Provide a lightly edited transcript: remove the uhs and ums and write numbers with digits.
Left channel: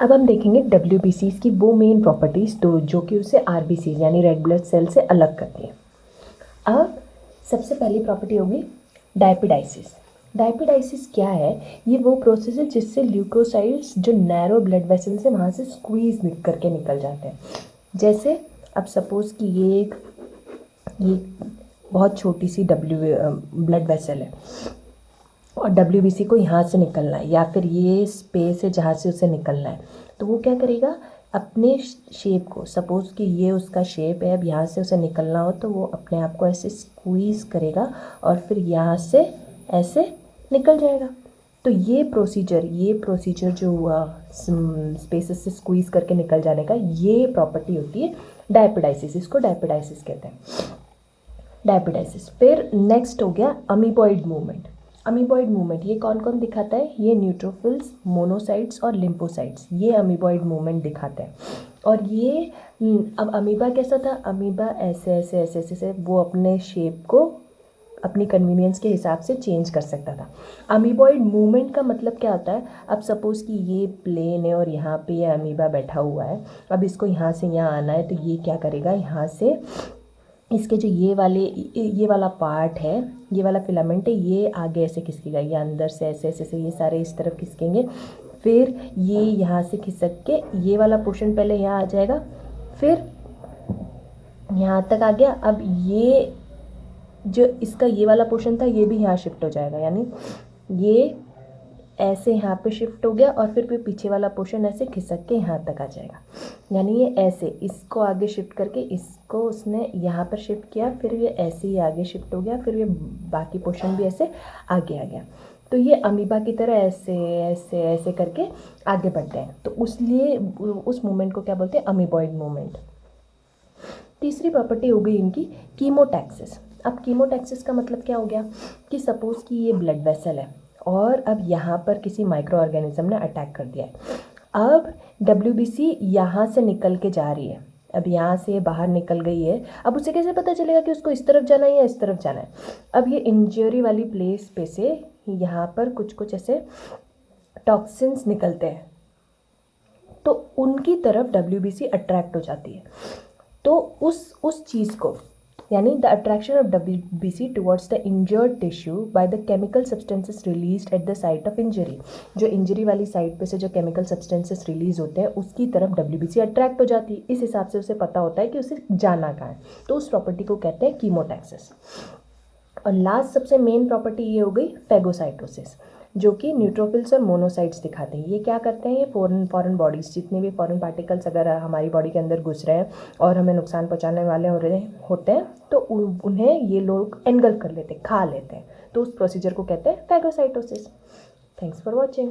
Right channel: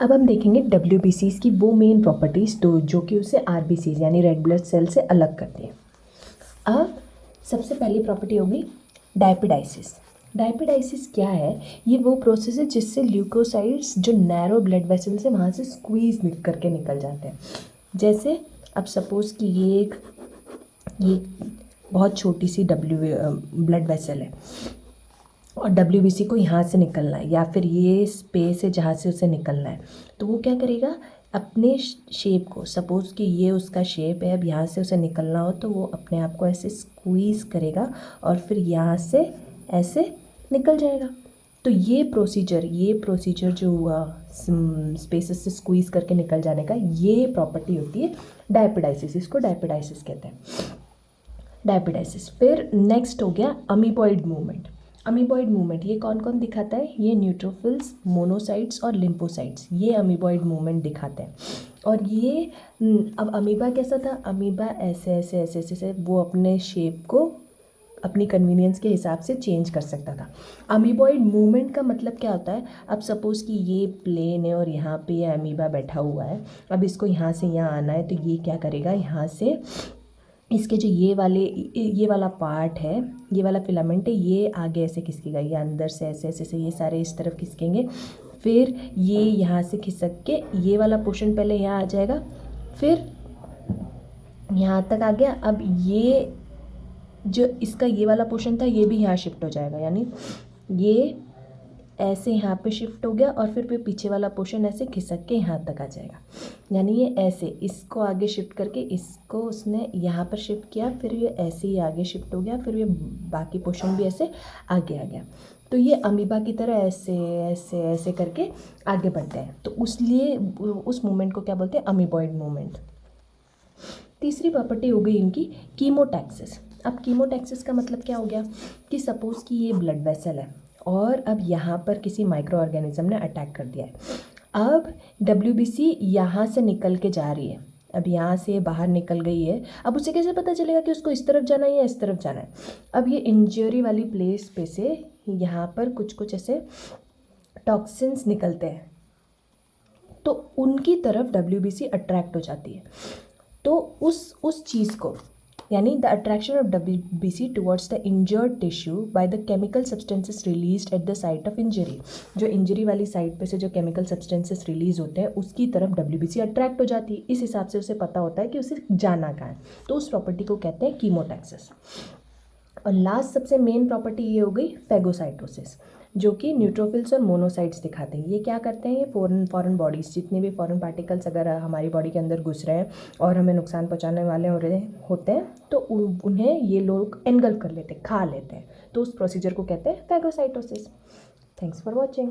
अब हम देखेंगे WBCs की वो मेन प्रॉपर्टीज़ तो जो कि उसे RBCs यानी रेड ब्लड सेल से अलग करती हैं। अब सबसे पहली प्रॉपर्टी होगी डायपिडाइसिस। डायपिडाइसिस क्या है? ये वो प्रोसेस है जिससे ल्यूकोसाइड्स जो नैरो ब्लड वेसल्स है वहाँ से स्क्वीज करके निकल जाते हैं। जैसे अब सपोज़ कि ये बहुत छोटी सी ब्लड वेसल है और WBC को यहाँ से निकलना है या फिर ये स्पेस है जहाँ से उसे निकलना है, तो वो क्या करेगा? अपने शेप को, सपोज़ कि ये उसका शेप है, अब यहाँ से उसे निकलना हो तो वो अपने आप को ऐसे स्क्वीज़ करेगा और फिर यहाँ से ऐसे निकल जाएगा। तो ये प्रोसीजर जो हुआ स्पेसेस से स्क्वीज़ करके निकल जाने का, ये प्रॉपर्टी होती है डायपिडाइसिस। इसको डायपिडाइसिस कहते हैं, डायपिडाइसिस। फिर नेक्स्ट हो गया अमीबॉइड मूवमेंट। अमीबॉइड मूवमेंट ये कौन कौन दिखाता है? ये न्यूट्रोफिल्स, मोनोसाइट्स और लिम्फोसाइट्स, ये अमीबॉइड मूवमेंट दिखाते हैं। और ये अब अमीबा कैसा था? अमीबा ऐसे ऐसे ऐसे ऐसे ऐसे वो अपने शेप को अपनी कन्वीनियंस के हिसाब से चेंज कर सकता था। अमीबॉइड मूवमेंट का मतलब क्या होता है? अब सपोज़ कि ये प्लेन है और यहाँ पे ये अमीबा बैठा हुआ है, अब इसको यहाँ से यहाँ आना है, तो ये क्या करेगा? यहाँ से इसके जो ये वाला पार्ट है, ये वाला फिलामेंट है, ये आगे ऐसे खिसकेगा, ये अंदर से ऐसे ऐसे ऐसे ये सारे इस तरफ खिसकेंगे। फिर ये यहाँ से खिसक के ये वाला पोर्शन पहले यहाँ आ जाएगा, फिर यहाँ तक आ गया। अब ये जो इसका ये वाला पोर्शन था ये भी यहाँ शिफ्ट हो जाएगा, यानी ये ऐसे यहाँ पे शिफ्ट हो गया और फिर पीछे वाला पोर्शन ऐसे खिसक के यहाँ तक आ जाएगा। यानी ये ऐसे इसको आगे शिफ्ट करके इसको उसने यहाँ पर शिफ्ट किया, फिर ये ऐसे ही आगे शिफ्ट हो गया, फिर ये बाकी पोर्शन भी ऐसे आगे आ गया। तो ये अमीबा की तरह ऐसे ऐसे ऐसे करके आगे बढ़ते हैं, तो उसलिए उस मूवमेंट को क्या बोलते हैं? Amoeboid movement. तीसरी प्रॉपर्टी हो गई इनकी कीमोटैक्सिस। अब कीमोटैक्सिस का मतलब क्या हो गया कि सपोज़ कि ये ब्लड वेसल है और अब यहाँ पर किसी माइक्रो ऑर्गेनिज्म ने अटैक कर दिया है। अब WBC यहाँ से निकल के जा रही है, अब यहाँ से बाहर निकल गई है। अब उसे कैसे पता चलेगा कि उसको इस तरफ जाना है या इस तरफ जाना है? अब ये इंजरी वाली प्लेस पे से यहाँ पर कुछ कुछ ऐसे टॉक्सिन्स निकलते हैं, तो उनकी तरफ WBC अट्रैक्ट हो जाती है। तो उस चीज़ को, यानी the attraction of WBC towards the injured tissue by the chemical substances released at the site of injury, जो इंजरी वाली साइट पे से जो केमिकल सब्सटेंसेस रिलीज होते हैं उसकी तरफ WBC अट्रैक्ट हो जाती है। इस हिसाब से उसे पता होता है कि उसे जाना कहाँ है, तो उस प्रॉपर्टी को कहते हैं कीमोटैक्सिस। और लास्ट सबसे मेन प्रॉपर्टी ये हो गई फेगोसाइटोसिस, जो कि न्यूट्रोफिल्स और मोनोसाइट्स दिखाते हैं। ये क्या करते हैं? ये फॉरेन बॉडीज़, जितने भी फॉरेन पार्टिकल्स अगर हमारी बॉडी के अंदर घुस रहे हैं और हमें नुकसान पहुंचाने वाले होते हैं तो उन्हें ये लोग एनगल्फ कर लेते हैं, खा लेते हैं। तो उस प्रोसीजर को कहते हैं फेगोसाइटोसिस। Thanks for watching.